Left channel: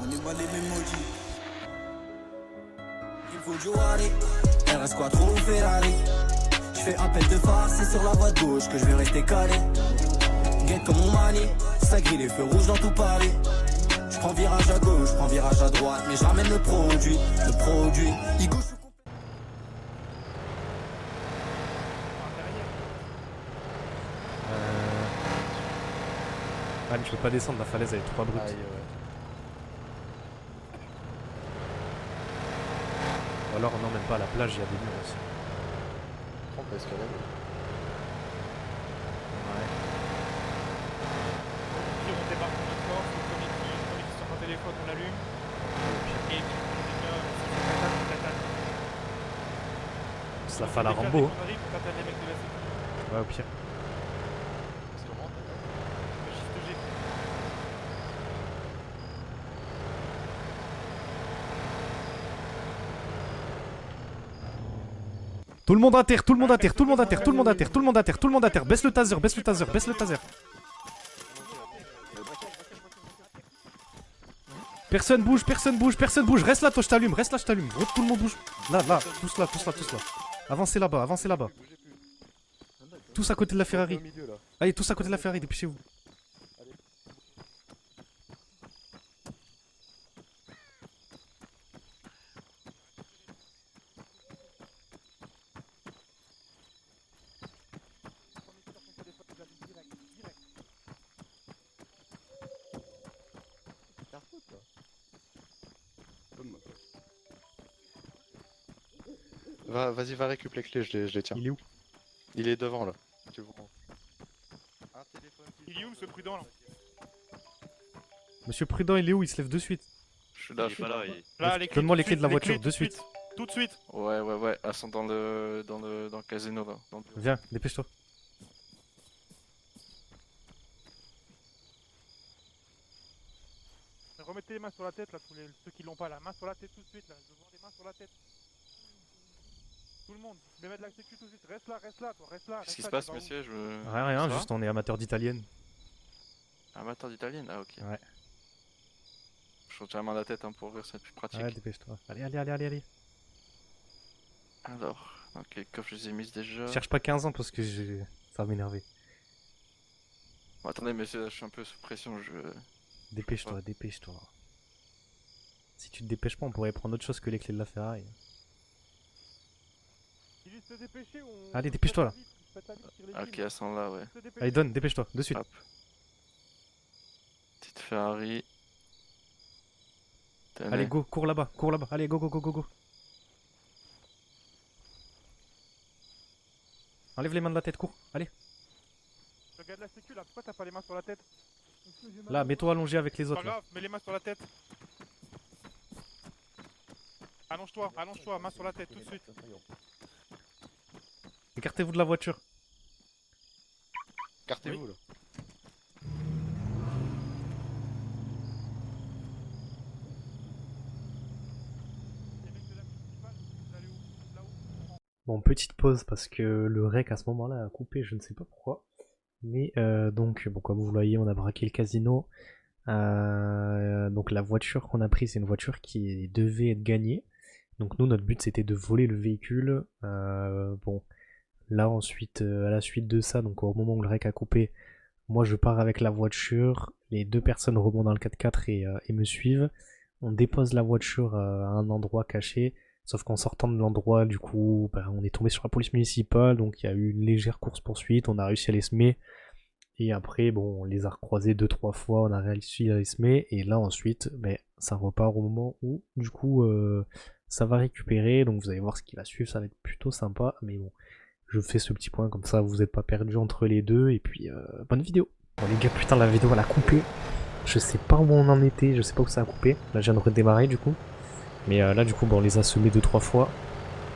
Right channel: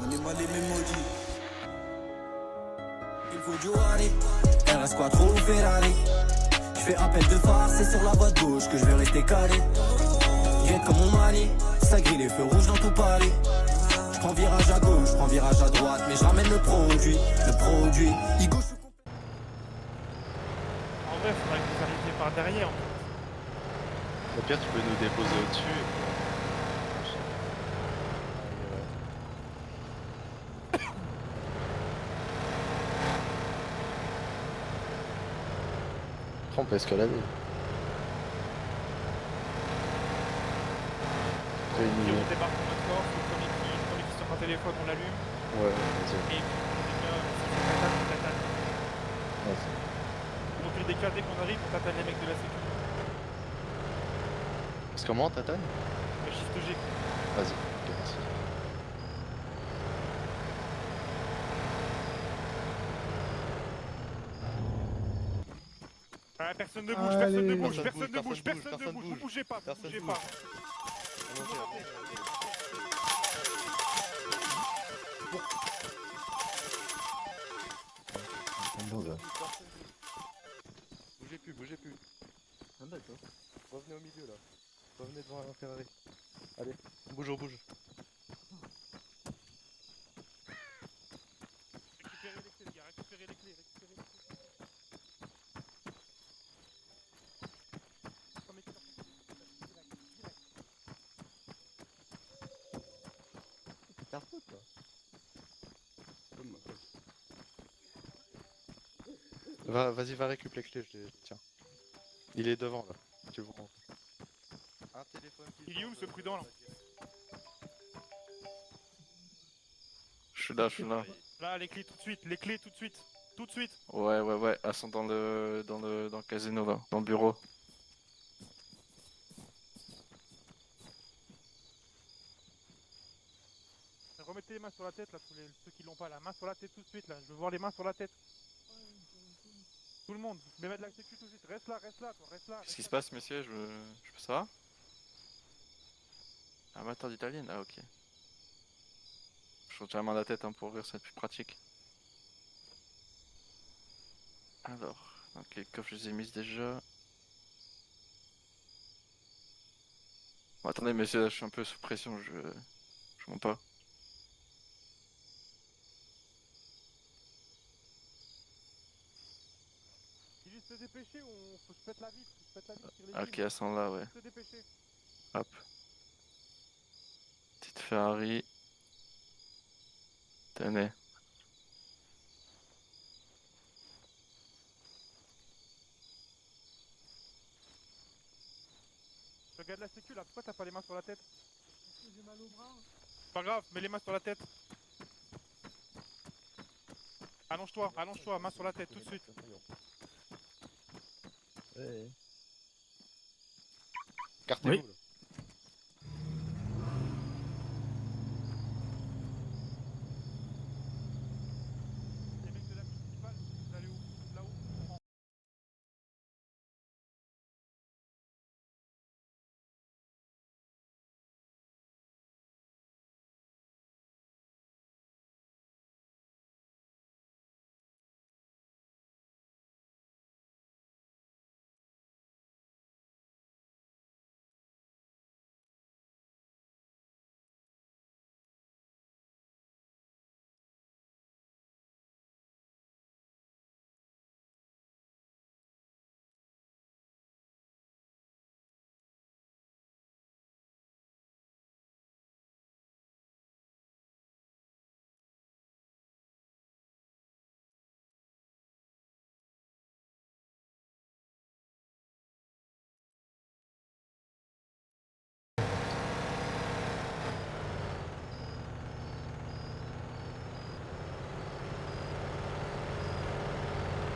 On est mal aimé maudit. Il faut du Wari, RS Quattro ou Ferrari. Je fais appel de phare, c'est sur la voie de gauche que je vais rester calé. Guette comme mon mani, ça grille les feux rouges dans tout Paris. Je prends virage à gauche, je prends virage à droite, mais je ramène le produit. Igo, je suis par derrière. Au pire, tu peux nous déposer au-dessus. Ah, tu peux pas descendre, la falaise avec 3 routes. Alors, non, même pas à la plage, il y a des routes. On peut escalader. Si on débarque dans notre corps, comme il sur mon téléphone, on l'allume. Et on tatane. Ça fait la Rambo. On arrive, on tatane avec de la sécurité. Ouais, au pire. Parce comment t'attends? C'est ce que j'ai fait. Vas-y. Tout le monde à terre, tout le monde à terre, tout le monde à terre, tout le monde à terre, tout le monde à terre, tout le monde à terre. Baisse le taser, baisse le taser, baisse le taser. Personne bouge, personne bouge, personne bouge. Reste là, toi, je t'allume, reste là, je t'allume. Tout le monde bouge. Là, là, tous là, tous là, tous là. Avancez là-bas, avancez là-bas. Tous à côté de la Ferrari. Allez, tous à côté de la Ferrari, dépêchez-vous. Allez, bouge, bouge. Vas-y, va récupérer les clés, je les tiens. Il est où? Il est devant là. Tu le vois. Un téléphone qui Il est où ce prudent là? Monsieur Prudent, il est où? Il se lève de suite. Je suis là, Là, les clés. Donne-moi les clés de la voiture, de suite. Tout de suite. Ouais, elles sont dans le casino là, dans le bureau. Viens, dépêche-toi. Remettez les mains sur la tête là, ceux qui l'ont pas, la main sur la tête tout de suite là. Je veux voir les mains sur la tête. Tout le monde, les mains de la sécu tout de suite. Reste là, toi, reste là. Qu'est-ce qui se passe, monsieur? Rien, Ça va juste on est amateur d'italienne. Amateur d'italienne? Ah, ok. Ouais. Je retiens la main de la tête hein, pour rire, c'est plus pratique. Ouais, dépêche-toi. Allez. Alors, donc les coffres, je les ai mis déjà. Cherche pas 15 ans parce que ça va m'énerver. Bon, attendez, monsieur, je suis un peu sous pression, Dépêche-toi, dépêche-toi. Si tu te dépêches pas, on pourrait prendre autre chose que les clés de la Ferrari. Allez, dépêche-toi là. Ok, elles sont là, ouais. Allez, donne, dépêche-toi, de suite. Hop. Petite Ferrari. Tenez. Allez, go, cours là-bas, allez, go. Enlève les mains de la tête, cours, allez. Regarde la sécu là, pourquoi t'as pas les mains sur la tête? Là, mets-toi allongé avec les autres. Pas grave, mets les mains sur la tête. Allonge-toi, main sur la tête tout de suite. Écartez-vous de la voiture. Écartez-vous Oui. là. Bon, petite pause parce que le rec à ce moment-là a coupé, je ne sais pas pourquoi. Mais donc, bon, comme vous le voyez, on a braqué le casino. Donc la voiture qu'on a prise, c'est une voiture qui devait être gagnée. Donc nous, notre but, c'était de voler le véhicule. Bon, là ensuite, à la suite de ça, donc au moment où le rec a coupé, moi je pars avec la voiture. Les deux personnes remontent dans le 4x4 et me suivent. On dépose la voiture à un endroit caché. Sauf qu'en sortant de l'endroit, du coup, on est tombé sur la police municipale, donc il y a eu une légère course-poursuite, on a réussi à les semer, et après, bon, on les a recroisés 2-3 fois, on a réussi à les semer, et là ensuite, ça repart au moment où, du coup, ça va récupérer, donc vous allez voir ce qui va suivre, ça va être plutôt sympa, mais bon, je fais ce petit point, comme ça vous n'êtes pas perdu entre les deux, et puis, bonne vidéo. Bon, les gars, putain, la vidéo, elle a coupé, je sais pas où on en était, je sais pas où ça a coupé, là je viens de redémarrer, du coup. Mais là du coup on les a semés 2-3 fois.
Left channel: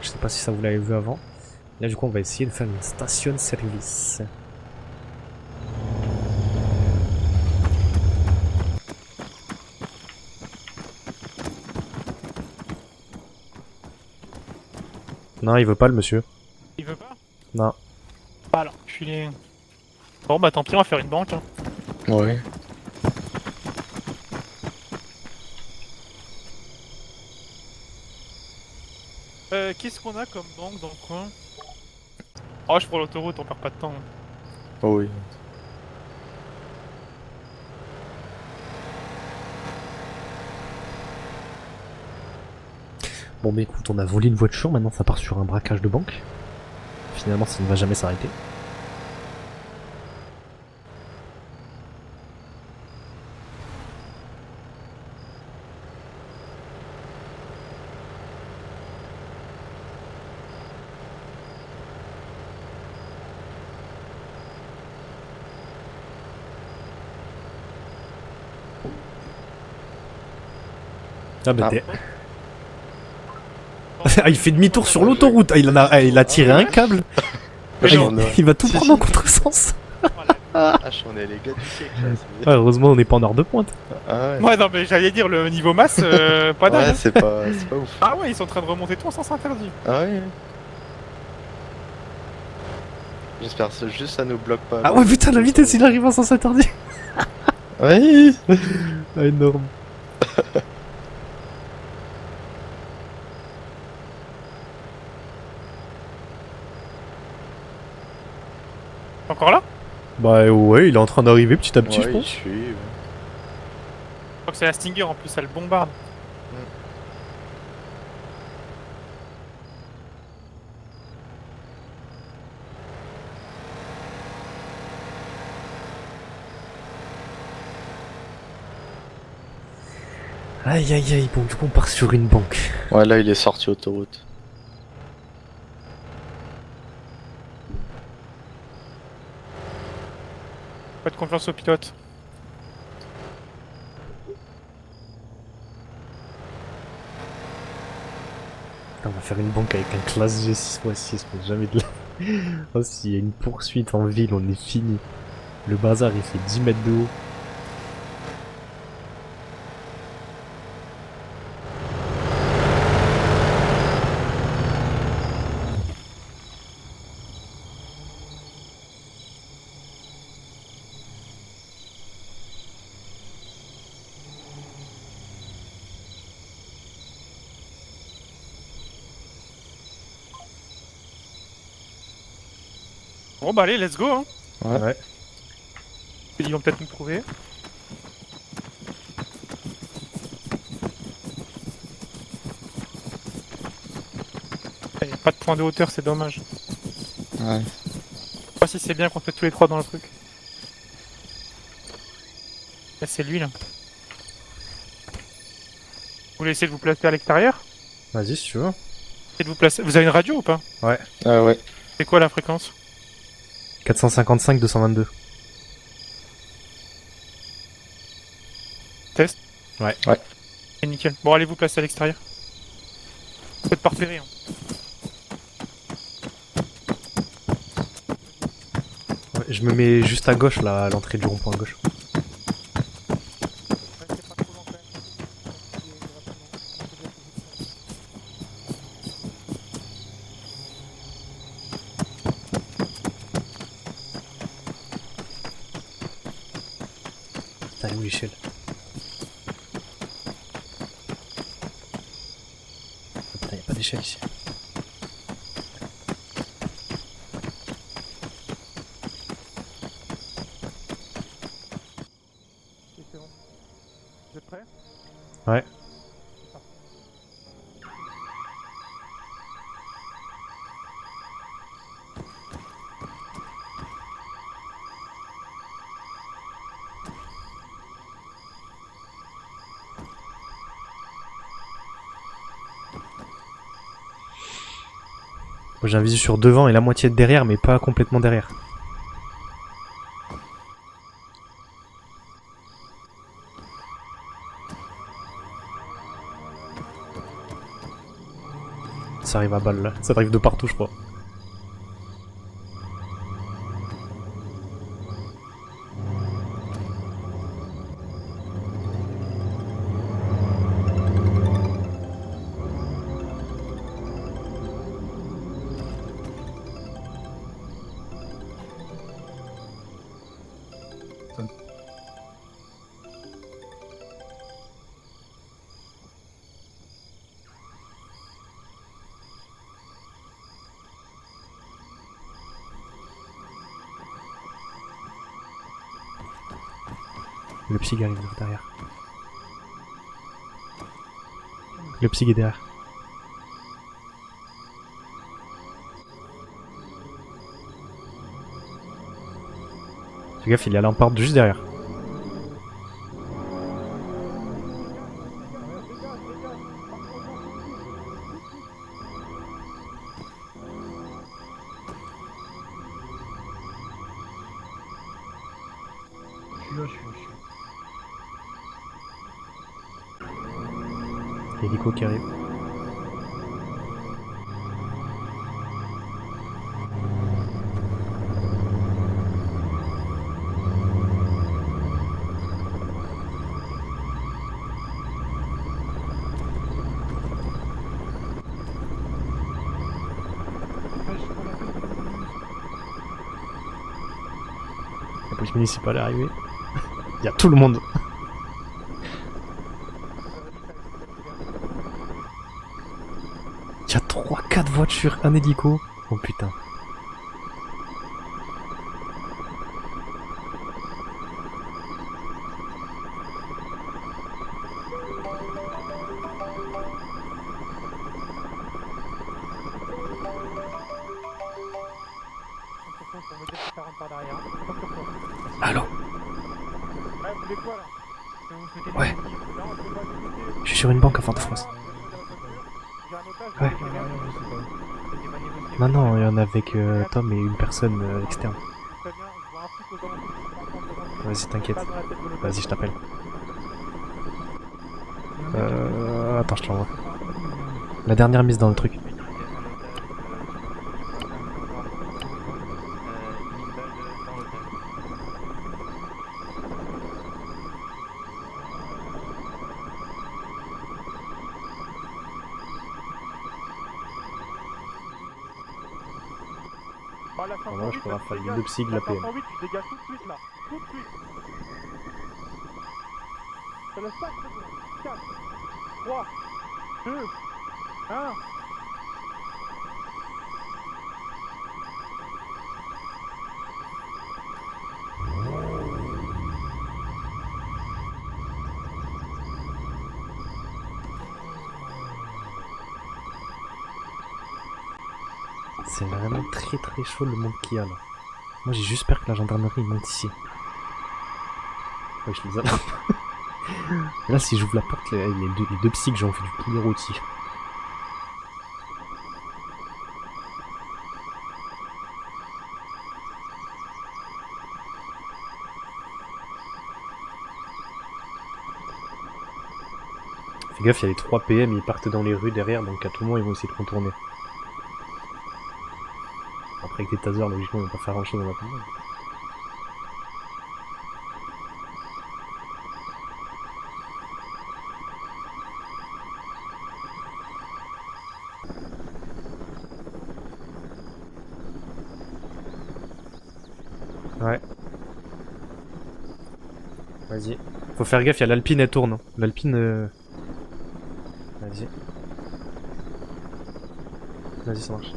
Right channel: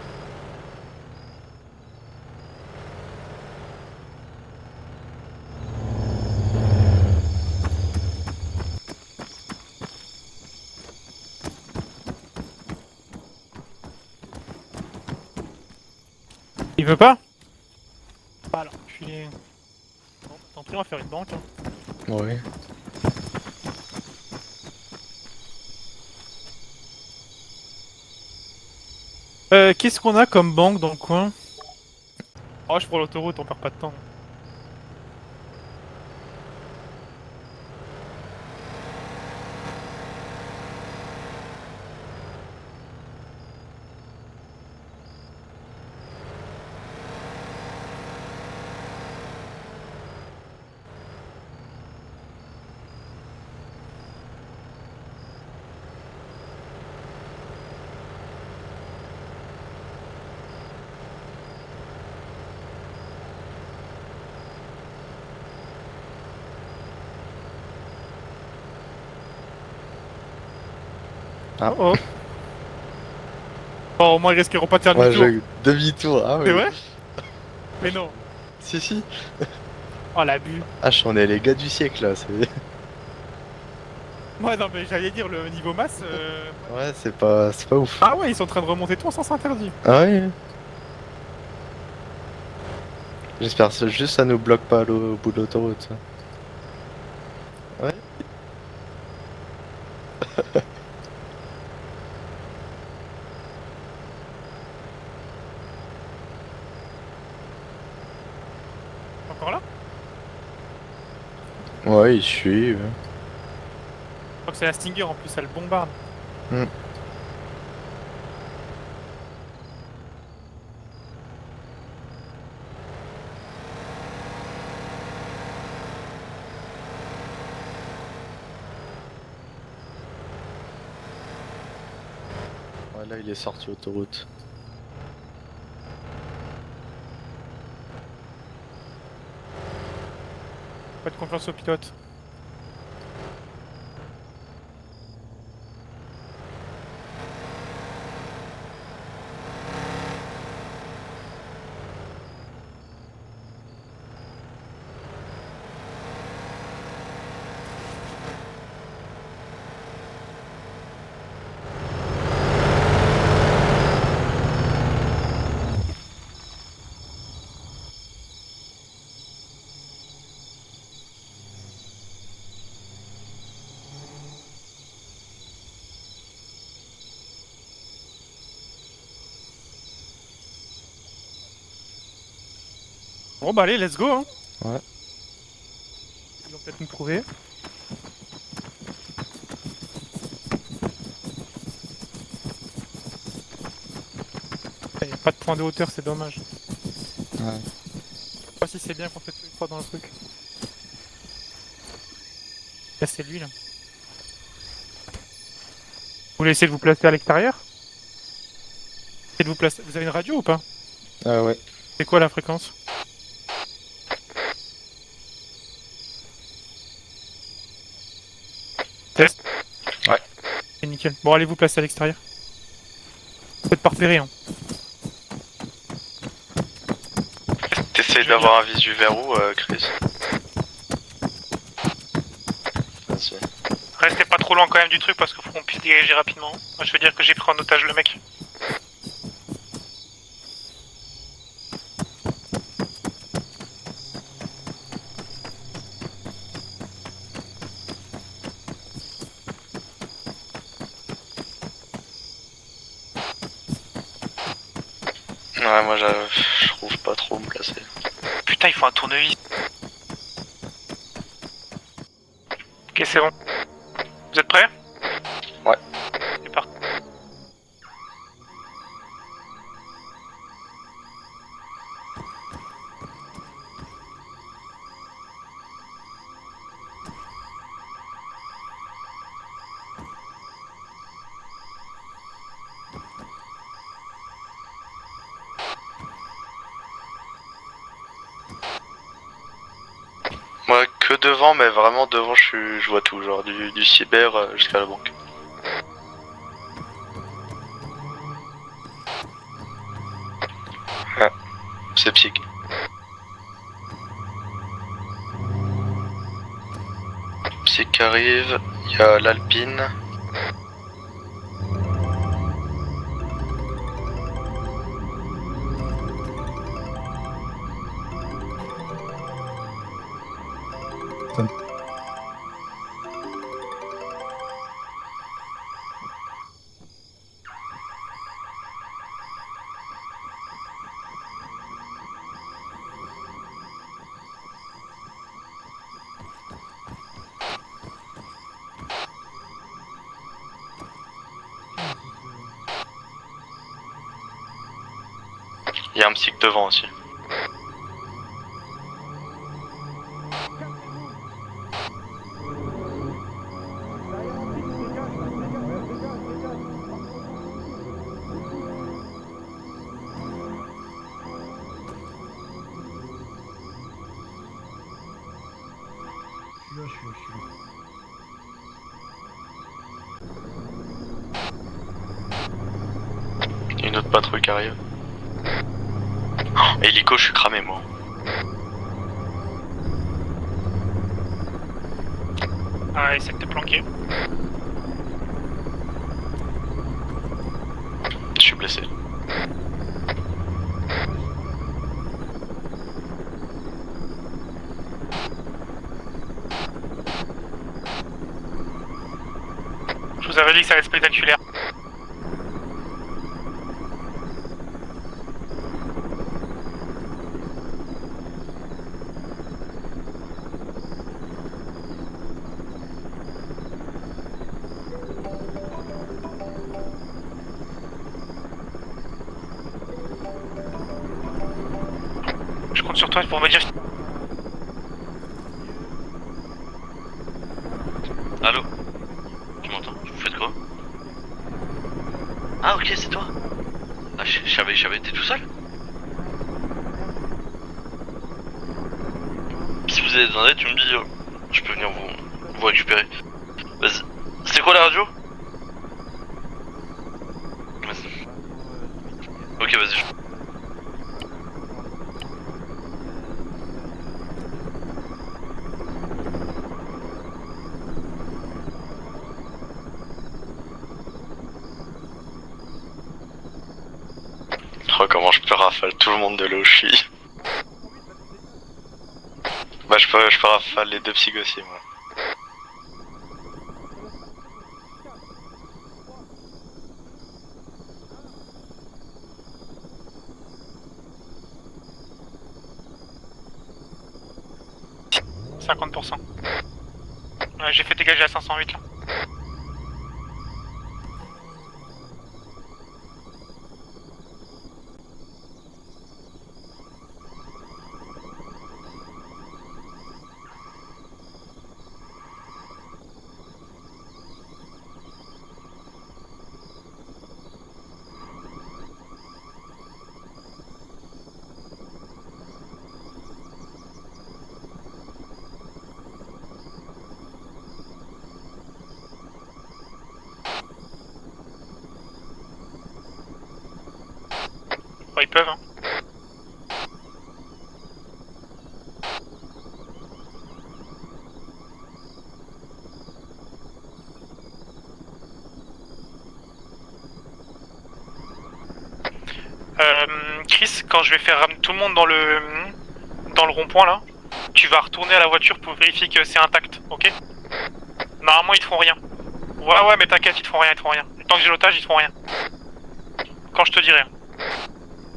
Je sais pas si ça vous l'avez vu avant. Là du coup on va essayer de faire une station service. Non, il veut pas le monsieur. Il veut pas? Non. Bah alors, je suis... Bon bah tant pis, on va faire une banque. Hein. Ouais. Qu'est-ce qu'on a comme banque dans le coin? Oh, je prends l'autoroute, on perd pas de temps. Oh oui. Bon, mais écoute, on a volé une voiture, maintenant ça part sur un braquage de banque. Finalement, ça ne va jamais s'arrêter. Ah, bah, Ah. Oh. Oh, ah, moi, il fait j'espère demi-tour pas sur faire le jeu. l'autoroute, il a Demi-tour, tiré ah un ouais. câble. Mais Ah, non. il va tout Si, prendre si. en contresens. Oh la bulle. Ah, on est les gars du siècle là. Ouais, heureusement, on n'est pas en heure de pointe. Ah ouais. Ouais, non, mais j'allais dire le niveau masse, pas dingue. Ouais, Hein. c'est pas ouf. Ah ouais, ils sont en train de remonter tout en sens interdit. Ah ouais. J'espère que juste ça nous bloque pas. Ah ouais, putain, la vitesse, il arrive à sens interdit. Ouais. Ah, énorme. Encore là? Bah ouais, il est en train d'arriver petit à petit. Ouais, je il pense. suit. Je crois que c'est un Stinger en plus, ça le bombarde. Aïe aïe aïe, bon, du coup, on part sur une banque. Ouais, là il est sorti autoroute. Pas de confiance au pilote. On va faire une banque avec un classe G6 fois 6, mais jamais de là. Oh, s'il y a une poursuite en ville, on est fini. Le bazar, il fait 10 mètres de haut. Bon bah allez, let's go hein. Ouais. Ils vont peut-être nous trouver. Il n'y a pas de point de hauteur, c'est dommage. Ouais. Je sais pas si c'est bien qu'on fait tous les trois dans le truc. Là c'est lui là. Vous voulez essayer de vous placer à l'extérieur? Vas-y, si tu veux. Essayez de vous placer. Vous avez une radio ou pas? Ah ouais. C'est quoi la fréquence? 455 222. Test? Ouais. C'est nickel. Bon allez vous placer à l'extérieur. Faites pas repérer hein. T'essayes d'avoir un visu vers où Je me mets juste à gauche, là, à l'entrée du rond-point à gauche. Restez pas trop loin quand même du truc parce qu'il faut qu'on puisse diriger rapidement. Moi je veux dire que j'ai pris en otage le mec. Putain, Michel. Putain, y'a pas d'échelle ici. Ouais, moi je trouve pas trop où me placer. Putain il faut un tournevis. Ok c'est bon. Vous êtes prêts? Ouais. Ouais. C'est parti. Moi, j'ai un visu sur devant et la moitié de derrière, mais pas complètement derrière. Moi que devant, mais vraiment devant je vois tout, genre du cyber jusqu'à la banque. Ça arrive à balle là. Ça arrive de partout, je crois. C'est psych. Psych arrive, il y a l'Alpine. Le psy arrive derrière. Le psy est derrière. Il y a un psy devant aussi. Fais gaffe, il y a la lamparde juste derrière. Hélico qui arrive. Il y a une autre patrouille qui arrive. Oh, hélico, je suis cramé moi. Ah, essaie de te planquer. Je suis blessé. Le municipal est arrivé. Il y a tout le monde. Je vous avais dit que ça allait être spectaculaire. Il y a 3-4 voitures, un hélico. Oh putain. Je compte sur toi pour me dire. Allô? Allô? Ouais. Tu m'entends? Vous faites quoi? Je suis sur une banque à Fort-de-France. Ah ok, c'est toi? Ouais. Ah, j'avais été tout seul? Non, non, il y en a avec Tom et une personne externe. Si vous avez besoin d'aide, tu me dis, Vas-y, je peux t'inquiète. venir Vas-y, vous je récupérer. Vas-y. C'est quoi la radio? Attends, je t'envoie. La dernière mise dans le truc. Ok, vas-y. Oh, comment je peux rafale tout le monde de là où je suis. Moi, je peux rafale les 2 psys de la PM. Bah, je peux rafale les 2 psys aussi, moi. 3, 2, 1. J'ai fait dégager à 508 là. C'est vraiment très très chaud le monde qu'il y a là. Moi j'ai juste peur que la gendarmerie monte ici. Ouais, je les attrape. Et là si j'ouvre la porte, les deux psys que j'ai ont fait du poulet rôti. Fais gaffe, il y a les 3 PM, ils partent dans les rues derrière, donc à tout moment ils vont essayer de contourner. Ouais, ils peuvent, hein. Après avec des tasers, logiquement, ils vont pas faire grand chose en attendant. Chris, quand je vais faire ramener tout le monde dans le rond-point là, Ouais. tu vas retourner à la voiture pour vérifier que c'est intact, ok? Vas-y. Faut faire gaffe, il y a Normalement, ils te font l'Alpine, elle rien. tourne. L'Alpine, Ouais, mais t'inquiète, ils te font rien, Tant que j'ai l'otage, ils te font rien. Quand je te dirai. Vas-y, ça marche.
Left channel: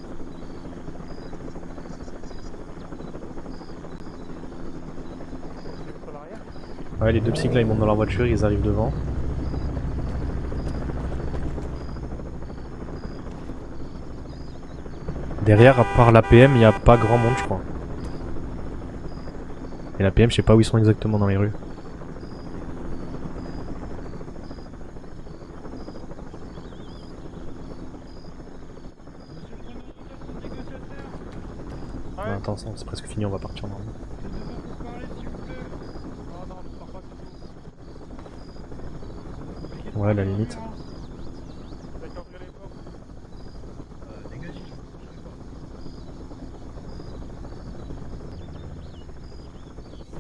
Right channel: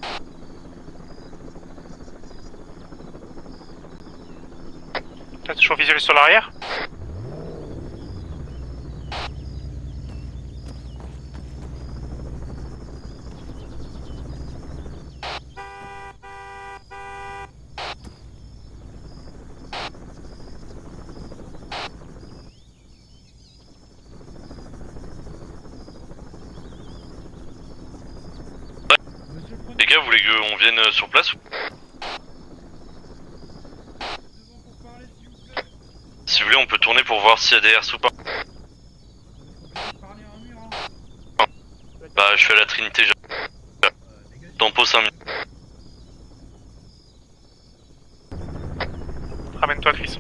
T'as toujours visuel sur l'arrière? Ouais, les 2 psys là, ils montent dans leur voiture, ils arrivent devant. Derrière, à part l'APM, il n'y a pas grand monde, je crois. Et l'APM, je sais pas où ils sont exactement dans les rues. Les gars, vous voulez qu'on vienne sur place? Attends, c'est presque fini, on va partir. Si vous voulez, on peut tourner pour voir s'il y a des RS ou pas. Ouais, à la limite. Bah, je suis à la Trinité, tempo 5 minutes. Ramène-toi, Chris.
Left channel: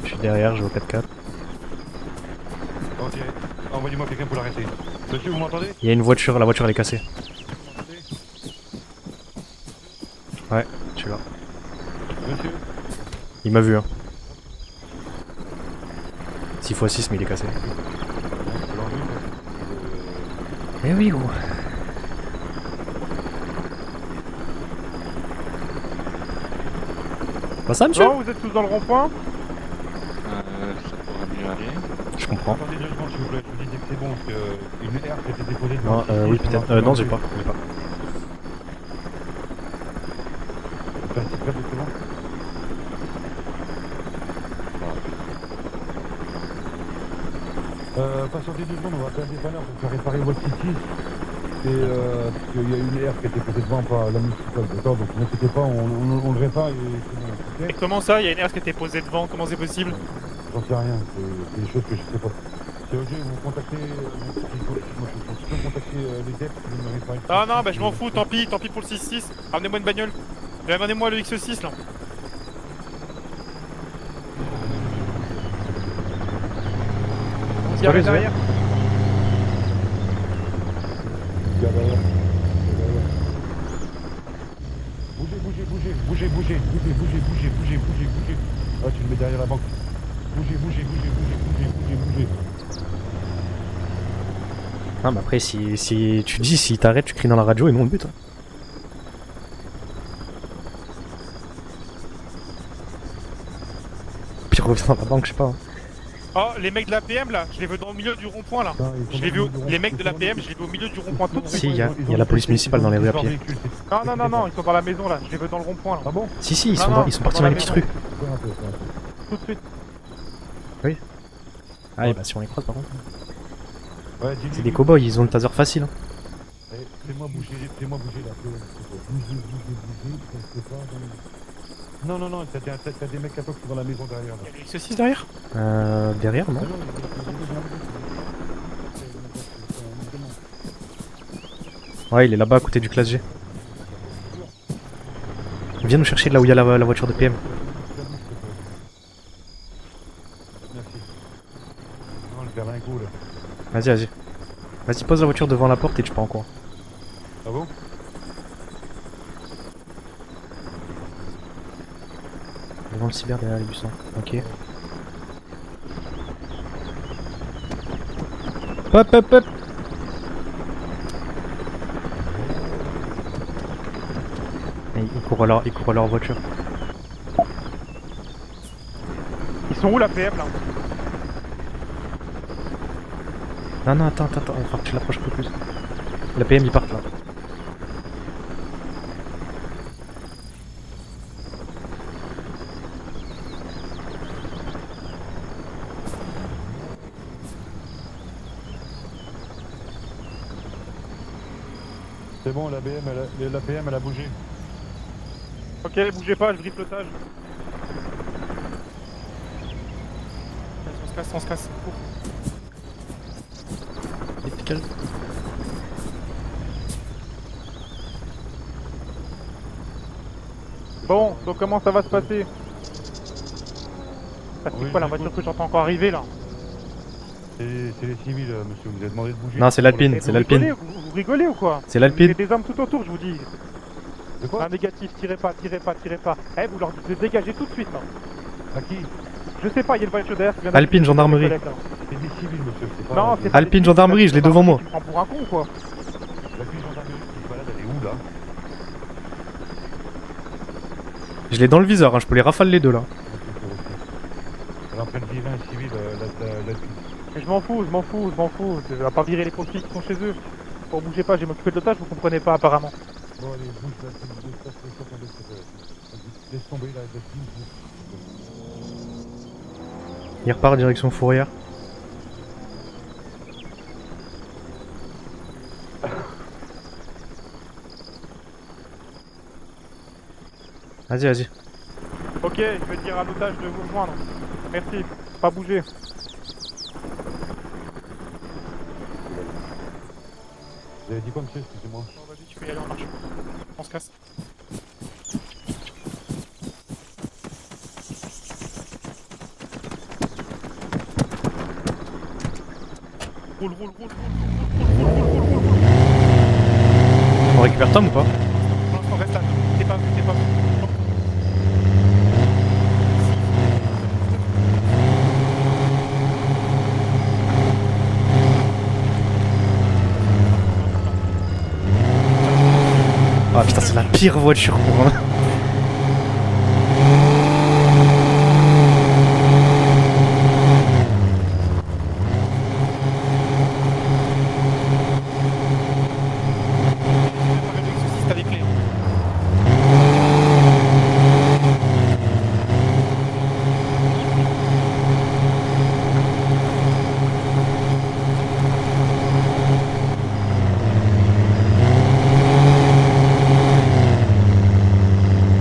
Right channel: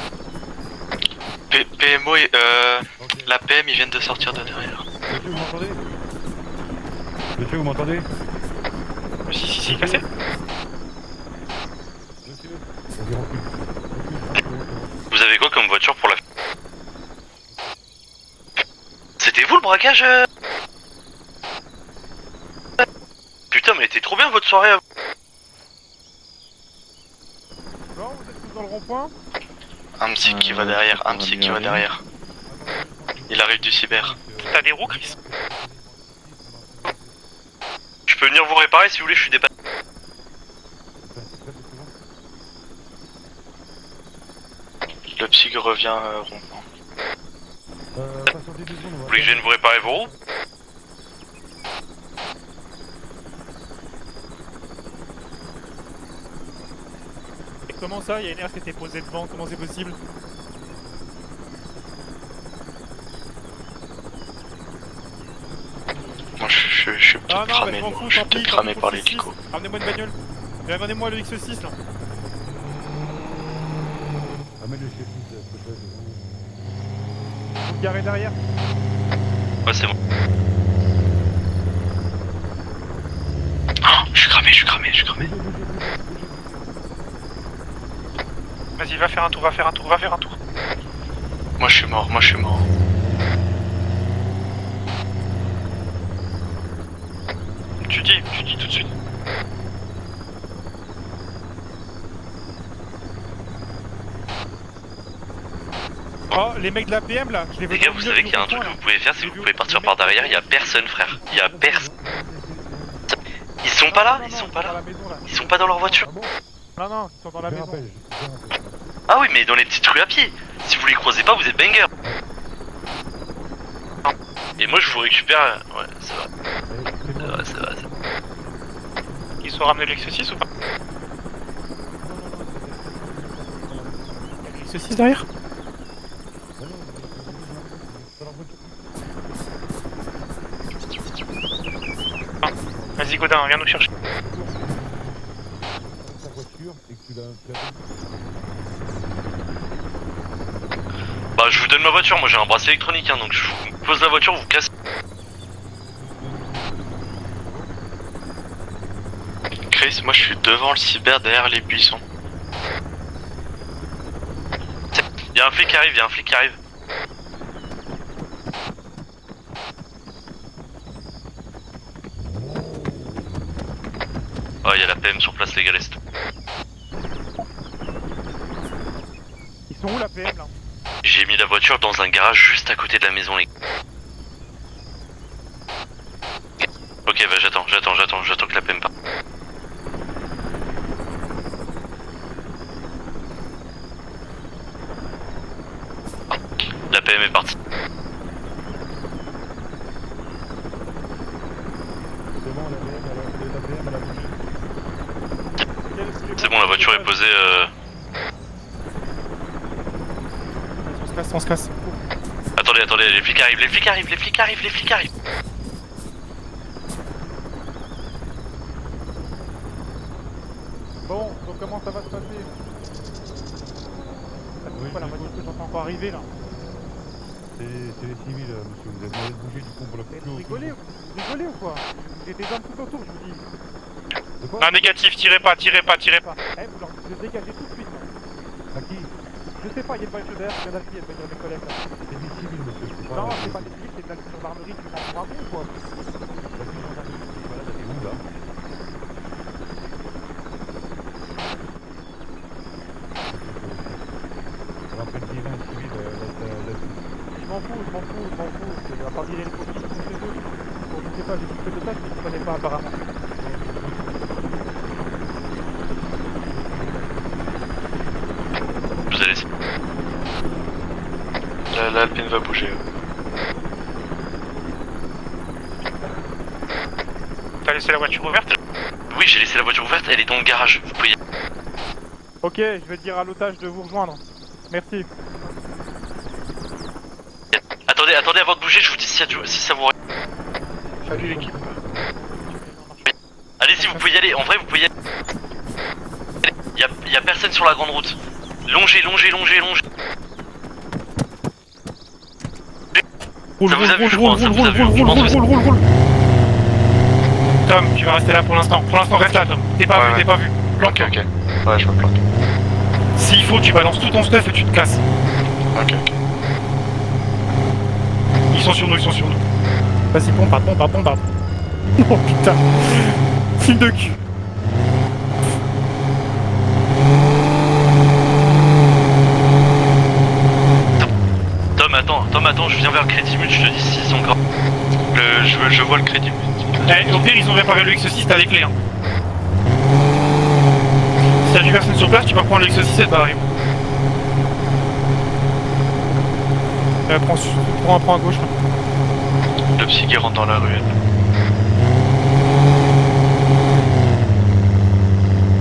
Je suis derrière, je veux 4x4. PMO et la PM, ils viennent de sortir de derrière. Vous m'entendez? Il y a une voiture, la voiture elle est cassée. Vous m'entendez? Si, cassé. Ouais, je suis là. Monsieur? Il m'a vu, hein. 6 x 6 mais il est cassé. C'était vous le braquage Eh oui gros. Putain, mais t'es trop bien votre soirée. Pas ça monsieur? Non, vous êtes tous dans le rond-point. Un psy qui va derrière, un psy qui va derrière. Je comprends. Il arrive du cyber. T'as des roues, Chris? Non, oui peut-être. Non j'ai pas. Je peux venir vous réparer si vous voulez, je suis dépassé. Le psy revient. Vous voulez que je vienne vous réparer vos roues? Il y a une aire qui était posée devant par la municipale, d'accord, donc n'inquiétez pas, on le répare Et comment ça, il y a une herse qui était posée devant, comment c'est possible? j'en sais rien, c'est des choses que je sais pas. C'est ok, vous contactez... Moi je suis Ah non, cramé, bah je m'en fous, je tant suis pis, tant cramé pis par pour le les 6. licos. Ramenez-moi une bagnole. Et ramenez-moi le X6 là. Qui arrive derrière? Ouais, c'est bon. Oh, je suis cramé. Bougez. Vas-y, va faire un tour. Moi je suis mort. Ah mais après si tu dis s'il t'arrête tu cries dans la radio et nous on le Tu dit. dis tout de suite. Puis reviens dans la banque, je sais pas. Hein. Oh, les mecs de la PM là, je les veux Les gars, dans vous le milieu savez du qu'il y a un truc rond-point que là. vous pouvez faire, c'est que vous pouvez partir par derrière, il y a personne frère. Il y a personne. Il y a la police municipale dans les rues à pied. Ils sont pas là? Non, ils sont dans la maison là. Ils sont pas dans leur voiture. Si, ils Non, sont, non, ils sont partis dans les petites rues. Ah oui, mais dans les petites rues à pied. Si vous les croisez pas, vous êtes banger. Ah ouais, bah si on les croise par contre. Et Les moi je vous cow-boys, ils ont une récupère. caserne facile. Ouais, ça va. Ils sont ramenés le X6 ou pas? Non, t'as des mecs là-bas qui sont dans la maison derrière. X6 derrière? Derrière, non? Ouais, il est là-bas à côté du clavier. Godin, viens nous chercher. Viens nous chercher de là où il y a la voiture de PM. Bah je vous donne ma voiture, moi j'ai un bracelet électronique hein, donc je vous Vas-y, pose vas-y. la voiture, vous cassez. Vas-y, pose la voiture devant la porte et tu pars en cours. Chris, moi je suis devant le cyber derrière les buissons. Devant le cyber derrière les buissons. Ok. Y'a un flic qui arrive, Hop. Oh y'a la PM sur Trouve place, les gars, leur voiture. Ils sont où la PM là? J'ai mis la voiture dans un garage juste à côté de la maison les gars. Non, attends, enfin, tu l'approches un peu plus. La PM il part là. Ok bah j'attends que la PM parte. La PM est partie. C'est bon, la PM elle a bougé. Ok, bougez pas. C'est bon, la voiture est posée. On se casse. Attendez, les flics arrivent. Bon, donc comment ça va se passer? C'est quoi la voiture que j'entends encore arriver là? C'est les civils, monsieur, vous avez demandé de bouger. Non, c'est l'Alpine, Mais c'est vous rigolez, l'Alpine. vous rigolez ou quoi? C'est Il y a l'Alpine. des hommes tout autour, je vous dis. De quoi? Ah, négatif, tirez pas. Eh, vous leur dites de dégager tout de suite là. À qui? Je sais pas, il y a une voiture derrière. Alpine, gendarmerie. C'est des civils, monsieur, je sais pas. Non, c'est pas Alpine, des gendarmerie, je l'ai devant moi. Tu prends pour un con ou quoi? Où, là? Je l'ai dans le viseur, hein, je peux les rafales les deux là. On va prendre vivant civil, Mais je m'en fous. Je vais pas virer les profils qui sont chez eux. Bon, bougez pas, j'ai mon truc de tâche, vous comprenez pas apparemment. Vous allez. Il repart direction Fourrière. L'Alpine va bouger. T'as laissé la voiture ouverte? Oui, j'ai laissé la voiture ouverte, elle est dans le garage. Vous pouvez y aller. Vas-y. Ok, je vais dire à l'otage de vous rejoindre. Merci, pas bouger. Attendez avant de bouger, je vous dis si ça vous. Salut l'équipe. Allez-y, vous pouvez y aller, en vrai vous pouvez y aller. Y a personne sur la grande route. Longez. Ça vous a vu, je crois, ça vous a vu. Je pense que Tu vas rester là pour l'instant. Reste là, Tom. T'es pas vu. Ok. Ouais, je vois pas. S'il faut, tu balances tout ton stuff et tu te casses. Ok. pardon. Oh putain. Ah, putain, c'est la pire voiture pour moi. Tom, attends, je viens vers le crédit but, je te dis s'ils sont graves. Je vois le crédit but. Eh, au pire, ils ont réparé le X6, t'as les clés. Hein. Si y'a du personne sur place, tu vas prendre le X6, c'est pareil. Prends à gauche. Le psy qui rentre dans la rue.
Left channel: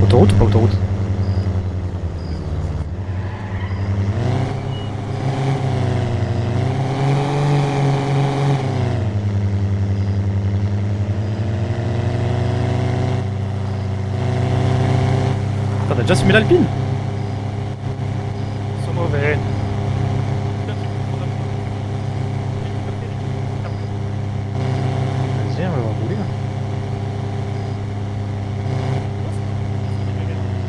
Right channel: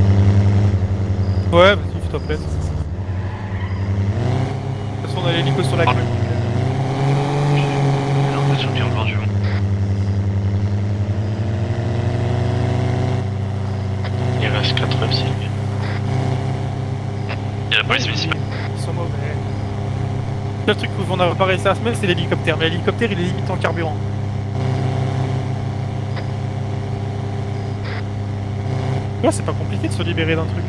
Autoroute ou pas autoroute? Ouais, s'il te plaît. De toute façon, on a l'hélico sur la gueule. Ils sont bien vendus. Il reste 4 psy. On a déjà soumis l'Alpine? Il y a la police municipale. Ils sont mauvais. Le truc qu'on a pas réussi à se mettre, c'est l'hélicoptère. Mais l'hélicoptère, il est limite en carburant. Ouais, c'est pas compliqué de se libérer d'un truc.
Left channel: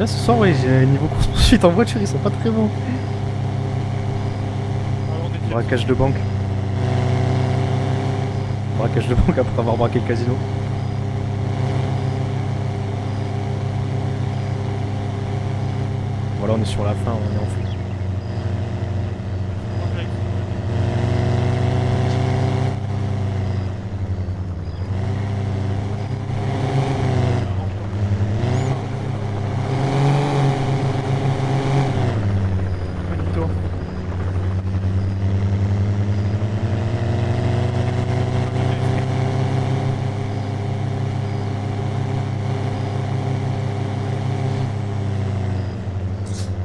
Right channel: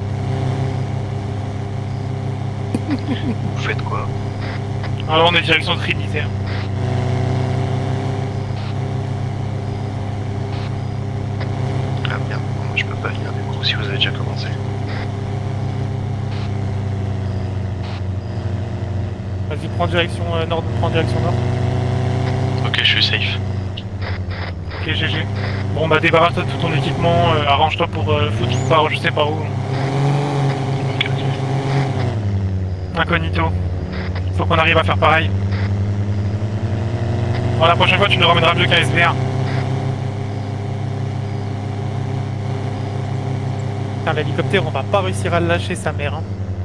Là ce soir, ouais, j'ai niveau poursuite en voiture, ils sont pas très bons. Vous faites quoi? Alors on est direction Braquage de banque. Braquage de banque après avoir braqué le casino. Ah merde, je peux pas venir avec vous si vous avez déjà commencé. Voilà, on est sur la fin. Vas-y, prends direction nord, prends direction nord. Ok, je suis safe. Ok, GG. Bon bah débarrasse-toi de tout ton équipement, arrange-toi pour foutre tout part, je sais pas où. Incognito. Faut qu'on arrive à faire pareil. Bon, la prochaine fois tu nous ramèneras deux KSDR. Putain, l'hélicoptère on va pas réussir à le lâcher sa mère hein.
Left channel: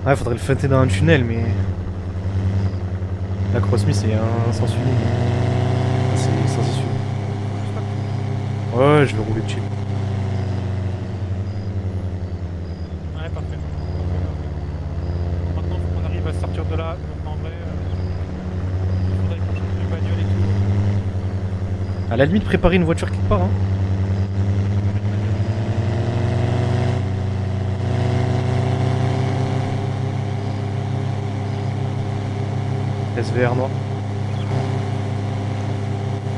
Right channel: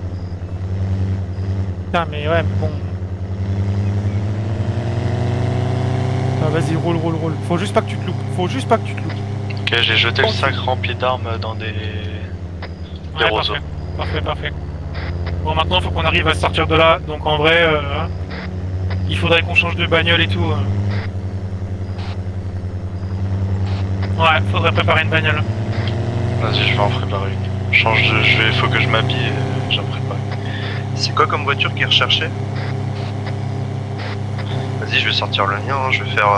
Ouais, faudrait le fêter dans un tunnel, mais Putain mais ouais mais bon. la Crossmy c'est un sens unique. Ah, vas-y roule. Faut juste pas que tu te loupes. Faut juste pas que Ouais, je vais rouler dessus. Ok, j'ai jeté le sac rempli d'armes dans des Ouais, roseaux. parfait. Bon, maintenant, faut qu'on arrive à sortir de là. Donc, en vrai, il faudrait qu'on change de bagnole et tout. À la limite, préparer une voiture quelque part. Hein. Ouais, faudrait préparer une bagnole. Vas-y, je vais en préparer. Faut que je m'habille. J'en prépare. C'est quoi comme voiture qui est recherchée? SVR noir. Vas-y, je vais sortir le mien, hein, je vais faire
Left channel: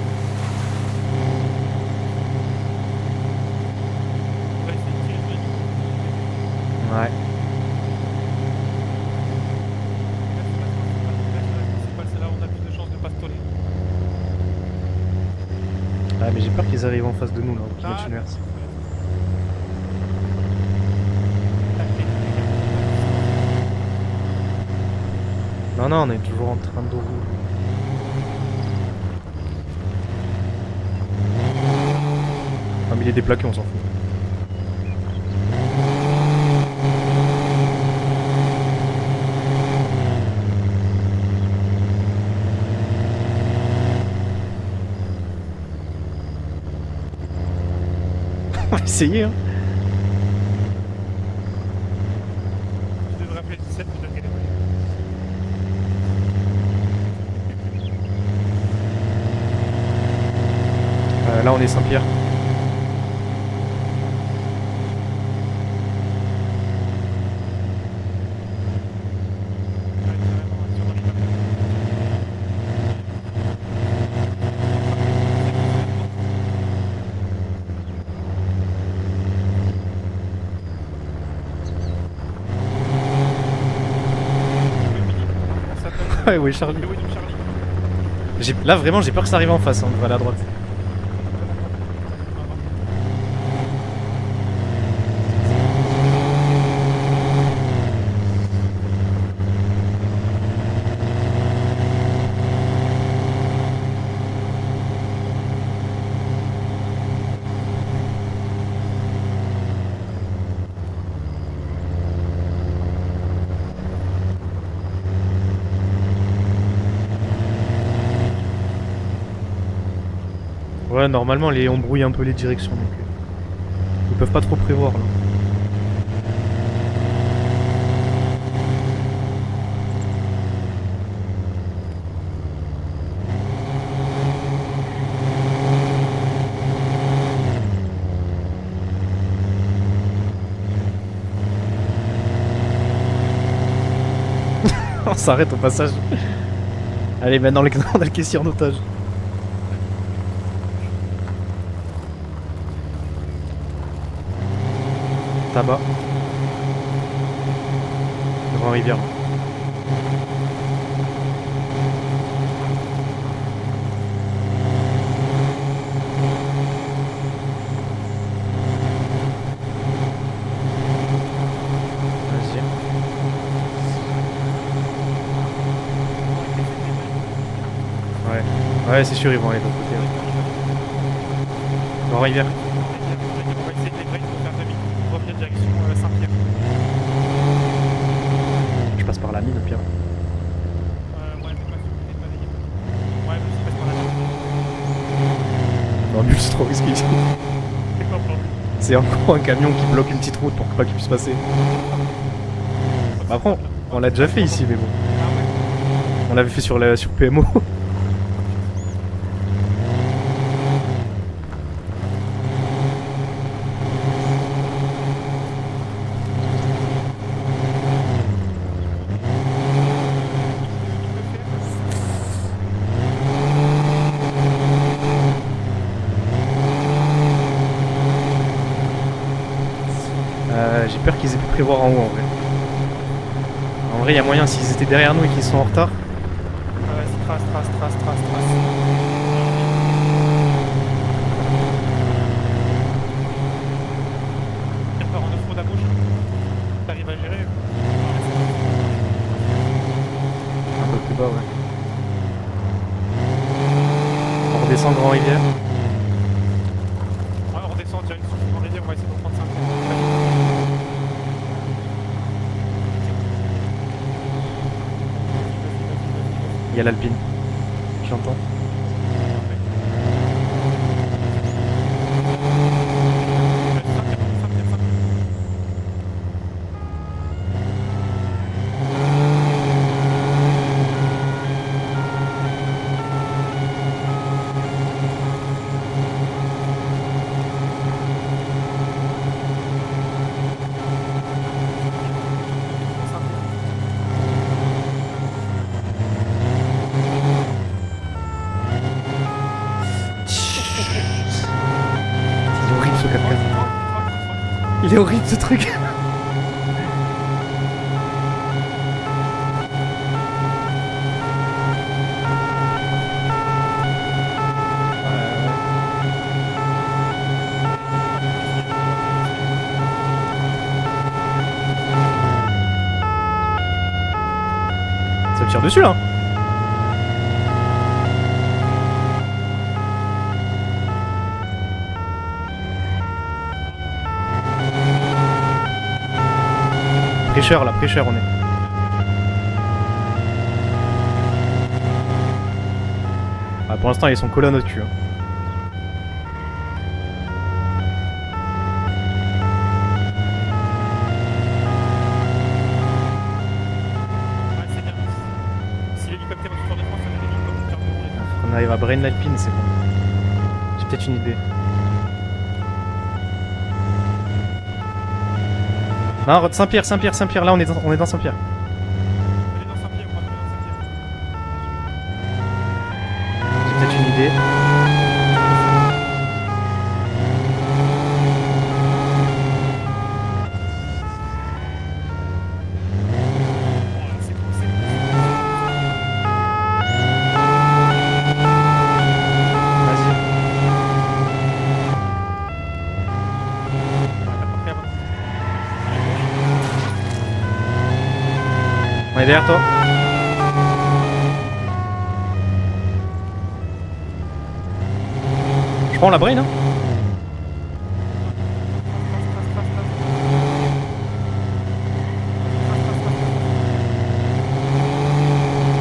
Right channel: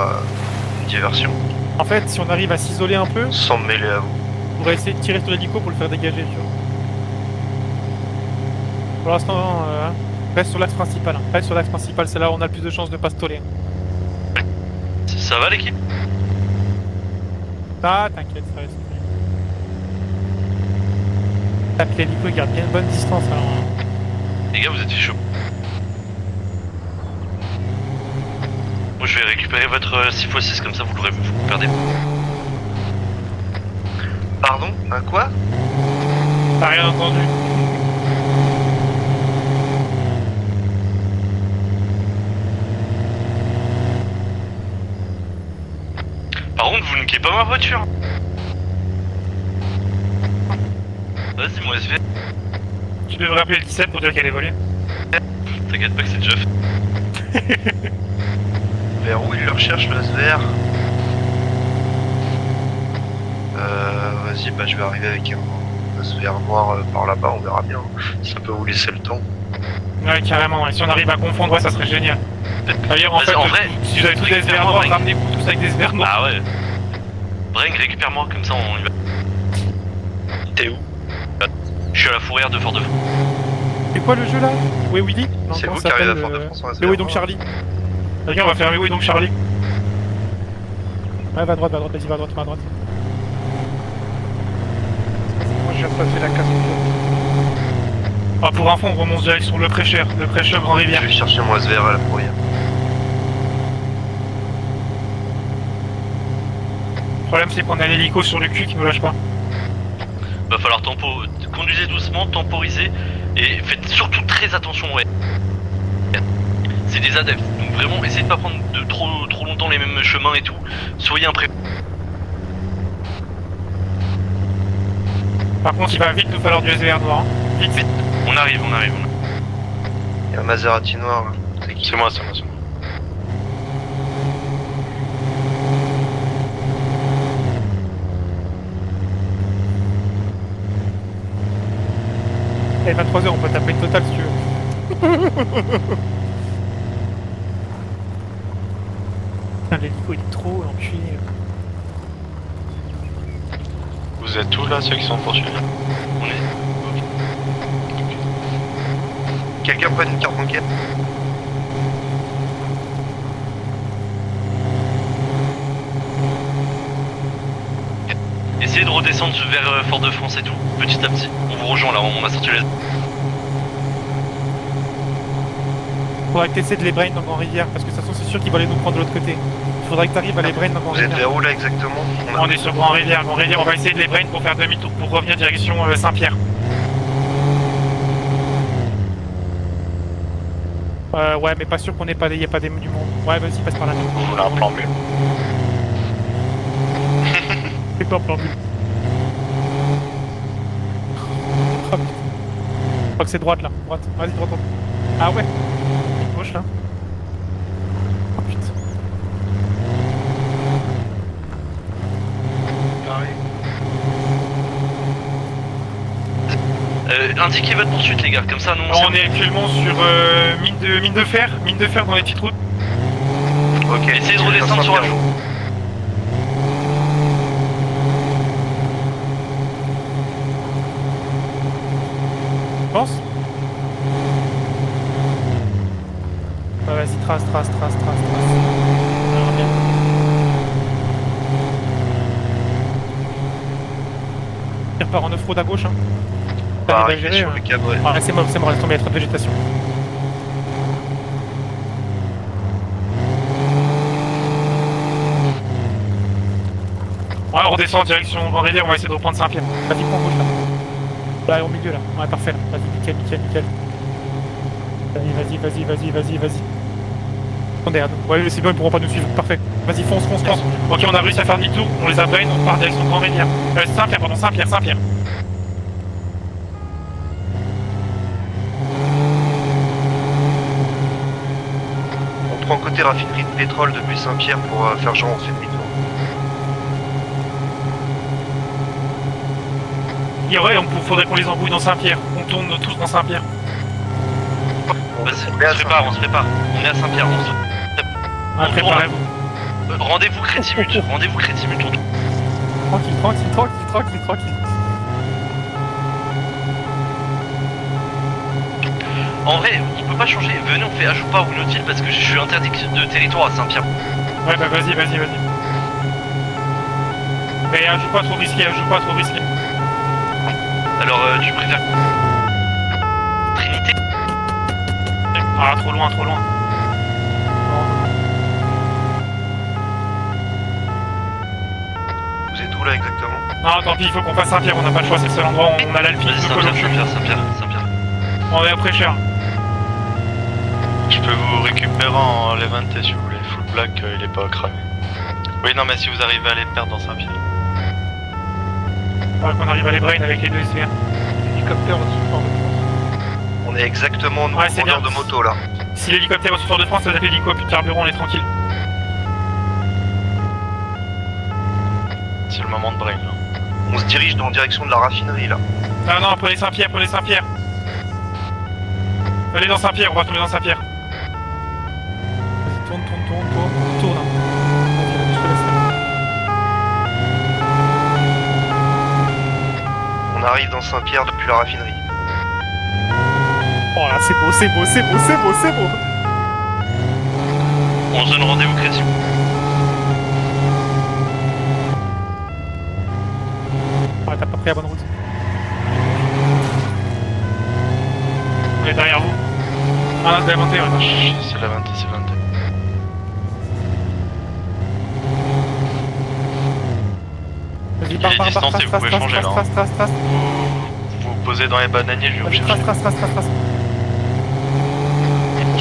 une diversion. En fait, si on arrive à s'isoler un peu, Sans me mêler à vous. on va essayer de tirer sur l'hélico pour le faire dégager. Tu vois. Ouais. Pour l'instant, reste sur l'axe principal. Hein. Reste sur l'axe principal, c'est là où on a le plus de chances de pas se toller. Ça va l'équipe? Ah, mais j'ai peur qu'ils arrivent en face de nous. Là. Ah, t'inquiète, frère. Tac, l'hélico, il garde bien une bonne distance. Hein. Les gars, vous êtes chaud. Non, on est toujours en train de. Moi, je vais récupérer votre 6x6 comme ça, vous l'aurez vous perdez. Ah, mais il est déplaqué, on s'en fout. Pardon? Quoi? T'as rien entendu? Par contre, vous niquez pas ma voiture. On va essayer, hein. Vas-y, mon SV. Tu devrais appeler le 17 pour dire qu'elle est volée. T'inquiète pas que c'est déjà fait. Vers où il le recherche, le SVR? Là, on est Saint-Pierre. Vas-y, bah je vais arriver avec un SVR noir par là-bas, on verra bien. Ça peut vous laisser le temps. Ouais, carrément, et si on arrive à confondre, ouais, ça serait génial. D'ailleurs, en Vas-y, fait, en vrai, si j'avais tous des SVR noirs, ramenez tous avec des SVR noirs. Ah ouais. Bring, récupère-moi, comme ça on y va. T'es où? Je suis à la fourrière de Fort-de-France. C'est quoi le jeu là? Oui, Willy? C'est Non, vous ça qui arrivez à s'appelle, Fort-de-France. Ouais, oui, Charlie. Mais oui, donc Charlie. Regarde, on va faire Là, oui, vraiment, donc j'ai peur Charlie. que ça arrive en face. Hein. On va aller à droite. Ouais, va à droite, vas-y, va à droite, va à droite. Ah, pour info, on remonte direct sur le prêcheur Grand Rivière. Je vais chercher mon SVR à la fourrière. Le problème, c'est qu'on a l'hélico sur le cul qui nous lâche pas. Va falloir conduisez doucement, temporiser et faites surtout très attention, ouais. C'est des adeptes, donc vraiment essayez de pas prendre de trop longtemps les mêmes chemins et tout. Ouais, Soyez normalement, on brouille un peu les directions. Ils peuvent pas trop prévoir. Par contre, il va vite nous falloir du SVR noir. Hein. Vite. On arrive. Il y a un Maserati noir là. C'est moi. Et 23h, on peut taper le total si tu veux. On s'arrête au passage. Allez, maintenant on a le caissier en otage. Putain, il est trop enculé. Vous êtes où là, ceux qui sont poursuivis? Là-bas. Devant rivière. Quelqu'un prenne une carte bancaire? Essayez de redescendre vers Fort-de-France et tout, petit à petit. On vous rejoint là, on va sortir là. Faudrait que t'essaies de les brain dans mon rivière parce que ça c'est sûr qu'ils vont aller nous prendre. Ouais, c'est sûr, ils vont aller. Faudrait que t'arrives à les brain dans mon Vous êtes rivière. vers où là exactement? On est sur Grand Rivière. Grand Rivière, on va essayer de les brain pour faire demi-tour pour revenir direction Saint-Pierre. Je passe par là, Pierre. Ouais, mais pas sûr qu'on ait pas des, y a pas des monuments. Ouais, vas-y, passe par là. On a un plan B. En plus, c'est trop risqué. C'est quoi plan B? C'est encore un camion qui bloque une petite route pour pas qu'il puisse passer. Je crois que c'est droite là. On l'a déjà fait ici, mais bon. Ah ouais. On l'avait fait sur PMO. Indiquez votre poursuite les gars, comme ça nous On est actuellement sur mine de fer dans les petites routes. Ok, essayez de redescendre sur la J'ai peur qu'ils aient pu prévoir en haut en fait. Tu penses? En vrai, il y a moyen s'ils étaient derrière nous et qu'ils sont en retard. Vas-y, trace. Il repart en off-road à gauche, hein. On va T'arrives à arriver gérer, sur hein. le cadre. Ouais. Ouais, c'est bon, laisse tomber, il y a trop de végétation. On descend Grand Rivière. Ouais, on redescend en direction Grand Rivière, on va essayer de reprendre Saint-Pierre. Là, au milieu, là. Ouais, parfait. Vas-y, nickel. Vas-y. Il y a l'Alpine. Attendez, attends. Ouais, c'est bon, ils pourront pas nous suivre. Parfait. Vas-y, fonce. Ok, on a réussi à faire demi-tour. On les a brain, on part direction Grand Rivière. Saint-Pierre, pardon, Saint-Pierre. On prend côté raffinerie de pétrole depuis Saint-Pierre pour faire genre en février. Et ouais, faudrait qu'on les embrouille dans Saint-Pierre. On tourne tous dans Saint-Pierre. Vas-y, on se prépare. On est à Saint-Pierre. Ah, préparez-vous. Rendez-vous crédit minutes. Tranquille. Il est horrible ce truc. En vrai, il peut pas changer. Venez, on fait ajout pas ou inutile parce que je suis interdit de territoire à Saint-Pierre. Ouais, bah vas-y. Mais ajoute pas trop risqué. Alors, tu préfères Trinité? tire dessus, trop là. loin. Vous êtes où là exactement? Non, tant pis, il faut qu'on fasse Saint-Pierre, on n'a pas le choix, c'est le seul endroit où on a l'Alpine. Vas-y, Saint-Pierre. Prêcheur là, prêcheur on est. On est à Prêcheur. Je peux vous récupérer en Levante si vous voulez. Ah, pour l'instant ils sont colonnes au-dessus. Oui, non, mais si vous arrivez à les perdre dans Saint-Pierre. Ouais, qu'on arrive à les brain avec les deux ICR. On est exactement en Ouais, c'est hauteur bien. de moto là. Si l'hélicoptère va sur de France, ça va être l'hélico, plus de carburant, on est tranquille. On arrive à brain l'Alpine, c'est bon. J'ai peut-être une idée. C'est le moment de brain. On se dirige dans la direction de la raffinerie là. Ah non, Ah, on va aller Saint-Pierre, là on est dans Saint-Pierre. Allez dans Saint-Pierre, on va tomber dans Saint-Pierre. J'ai peut-être une idée. On arrive dans Saint-Pierre depuis la raffinerie. Oh là, c'est beau. On se donne rendez-vous crédit. Ah, t'as pas pris la bonne route. Elle est derrière. Elle est derrière toi. Ah, c'est inventé, ouais. C'est la 20, c'est 20. Je prends la brain hein. Vas-y, Il est distance et vous pouvez changer, là. trace. Vous vous posez dans les bananiers, je vais vous chercher. Trace.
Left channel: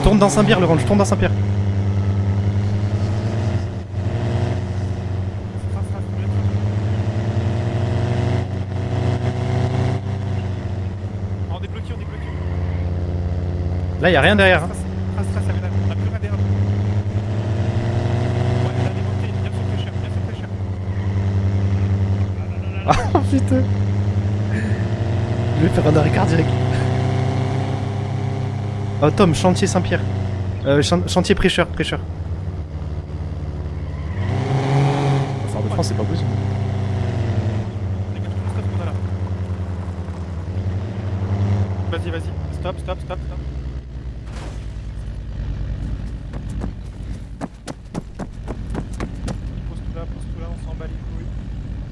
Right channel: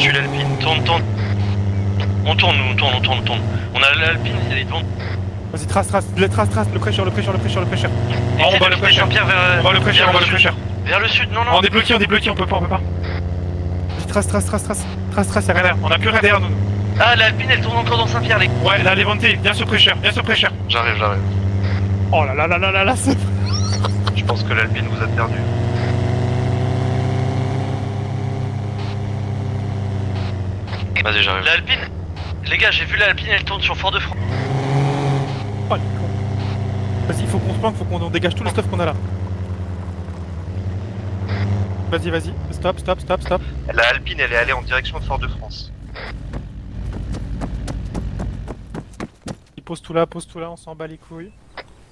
Tourne dans Saint-Pierre, tourne dans Saint-Pierre. On tourne. On a l'Alpine, il y a les bandes. Vas-y, trace, le prêcheur. Et On va le prêcheur. Saint-Pierre On va le prêcheur. vers le sud, non. On est bloqué, on peut pas. Là y'a rien derrière. Trace, y'a rien derrière. On a plus rien derrière nous. Ah, l'Alpine, elle tourne encore dans Saint-Pierre, les gars. Ouais, là, Levante, viens sur prêcheur. J'arrive. Oh là là. Je pense que l'Alpine vous a perdu. Je vais faire un arrêt cardiaque. Oh Tom, chantier Saint-Pierre. Chantier déjà. prêcheur, Alpine. prêcheur. Les gars, j'ai vu l'Alpine, elle tourne sur Fort-de-France. Fort-de-France, c'est pas possible. Vas-y, faut qu'on se planque, faut qu'on dégage tout le stuff qu'on a là. Vas-y, vas-y. Stop, stop, stop, stop. La Alpine, elle est allée en direction de Fort-de-France. Il pose tout là, on s'en bat les couilles.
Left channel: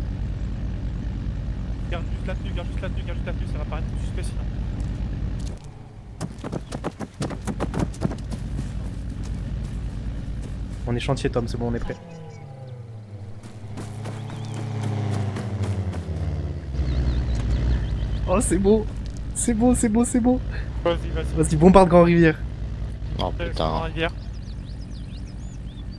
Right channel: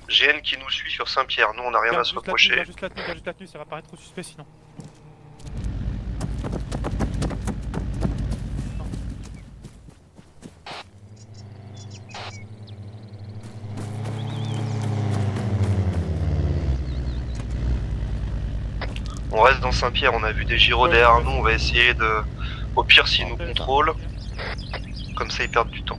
GN qui nous suit sur Saint-Pierre, nous on n'a rien à se reprocher. Juste la tenue, ça va paraître trop suspect sinon. On est chantier Tom, c'est bon, on est prêt. Oh c'est beau. On reste dans Saint-Pierre, on a vu des gyros derrière nous, on va essayer de... Au pire s'ils nous contrôlent, comme ça ils perdent du temps.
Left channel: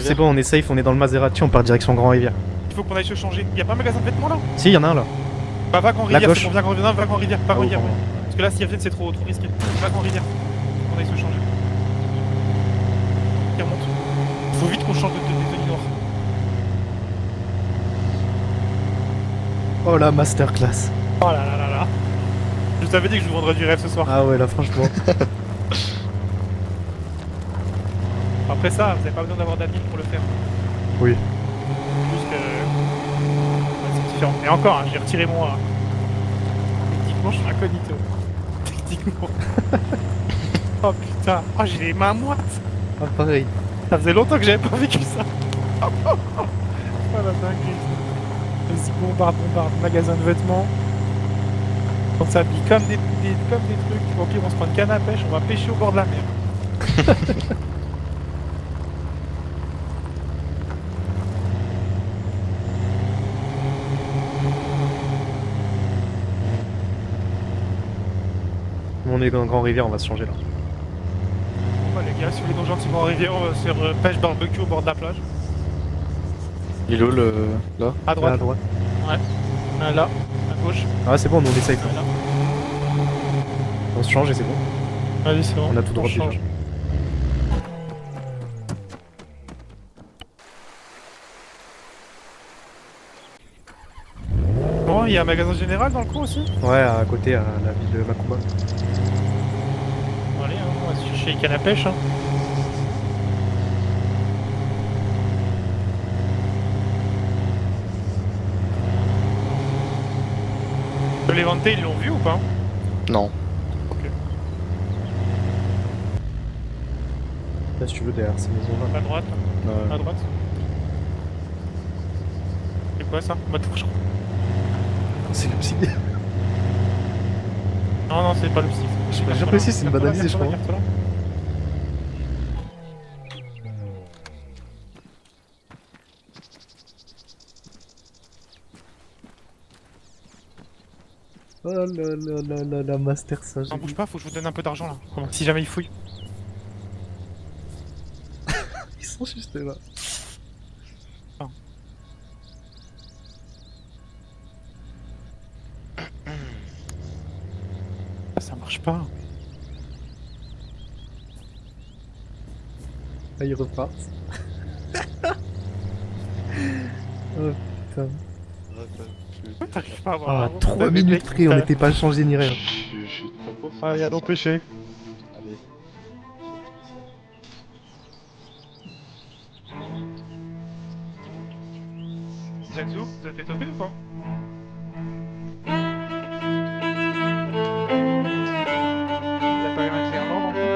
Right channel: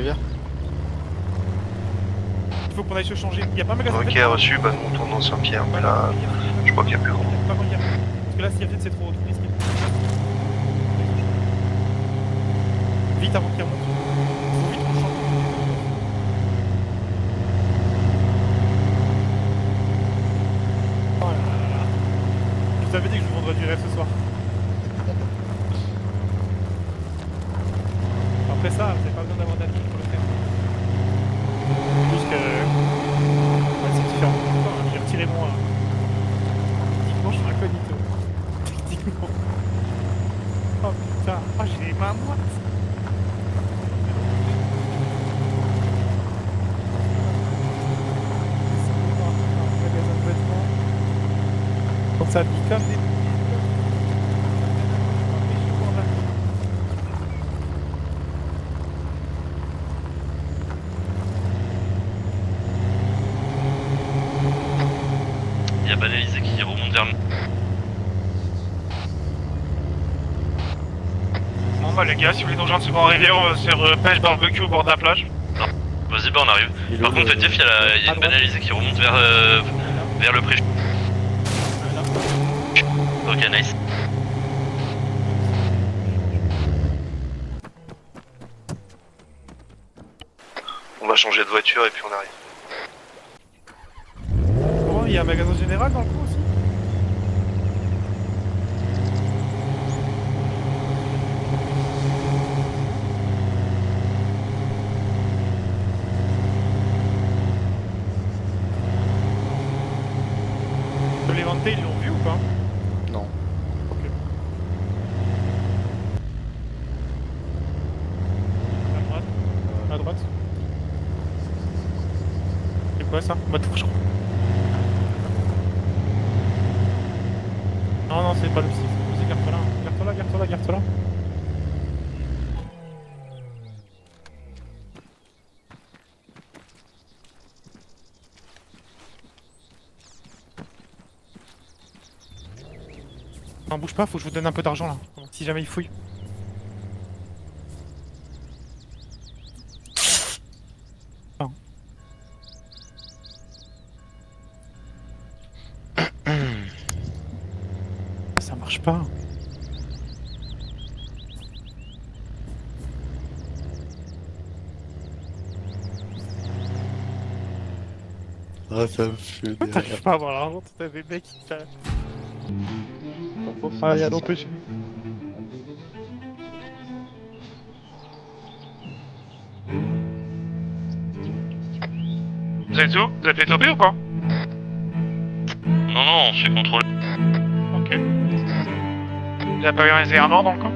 C'est bon, on est safe, on est dans le Maserati, on part direction Grand Rivière. Il faut qu'on aille se changer. Il y a pas un magasin de Ok, pétrole. reçu. Si, y'en a un là. Dans Saint-Pierre. Bah, va Grand la Rivière, gauche. on vient Grand Rivière, va Grand Rivière, pas Grand Rivière. Parce que là, s'il y a peut-être c'est trop risqué. Va Grand Rivière. On aille se changer. Vite, hein, qui remonte. Faut vite qu'on change de Oh la masterclass. Oh là là là. Je t'avais dit que je vous vendrais du rêve ce soir. Ah ouais là franchement. Après ça, vous n'avez pas besoin d'avoir d'amis pour le faire. Oui. C'est différent. Et encore, hein, j'ai retiré mon... Techniquement, je suis incognito. Techniquement. Oh putain, oh, j'ai les mains moites. Ah, pareil. Ça faisait longtemps que j'avais pas vécu ça. Oh la dingue. Je par un magasin de vêtements. Quand ça habille comme des trucs. Ok, on se prend une canne à pêche, on va pêcher au bord de la mer. Il y a Banalisé qui remonte vers nous. On est dans Grand Rivière, on va se changer là. Bon bah les gars, si vous voulez nous rejoindre sur Grand Rivière, on va se faire pêche barbecue au bord de la plage. Vas-y, bah on arrive. Il est Par où, contre, le- faites gaffe, il y a Ouais. une À droite, Banalisé droite. qui remonte Là. vers le pré gauche. Ah c'est bon, on est safe. Là. Ok, nice. On se change et c'est bon. Allez, c'est bon. On a tout droit de change. On va changer de voiture et puis on arrive. Bon, il y a un magasin général dans le coin aussi. Ouais, à côté, à la ville de Vancouver. Allez, on va se chercher une canne à pêche. Hein. Les vantés, ils l'ont vu ou pas? Non. Là si tu veux derrière, c'est bon. À droite. À droite. C'est quoi ça? Bah touche. C'est comme si. Non, non, c'est pas le J'ai précis, c'est une banalisée, je la crois. carte là. Oh là là, la master ça. Non, bouge pas, faut que je vous donne un peu d'argent là. Si jamais il fouille. Ils sont juste là. Non. Ça marche pas. Ah, ils repartent. Oh putain. Ah, ça me fait J'arrive pas à voir. Ah, 3 minutes près, on n'était pas changé ni rien. Ah, y'a d'empêcher. Vous êtes où? Vous êtes les topés ou pas? Non, non, on se fait contrôler. Ok. Vous avez pas organisé un ordre encore?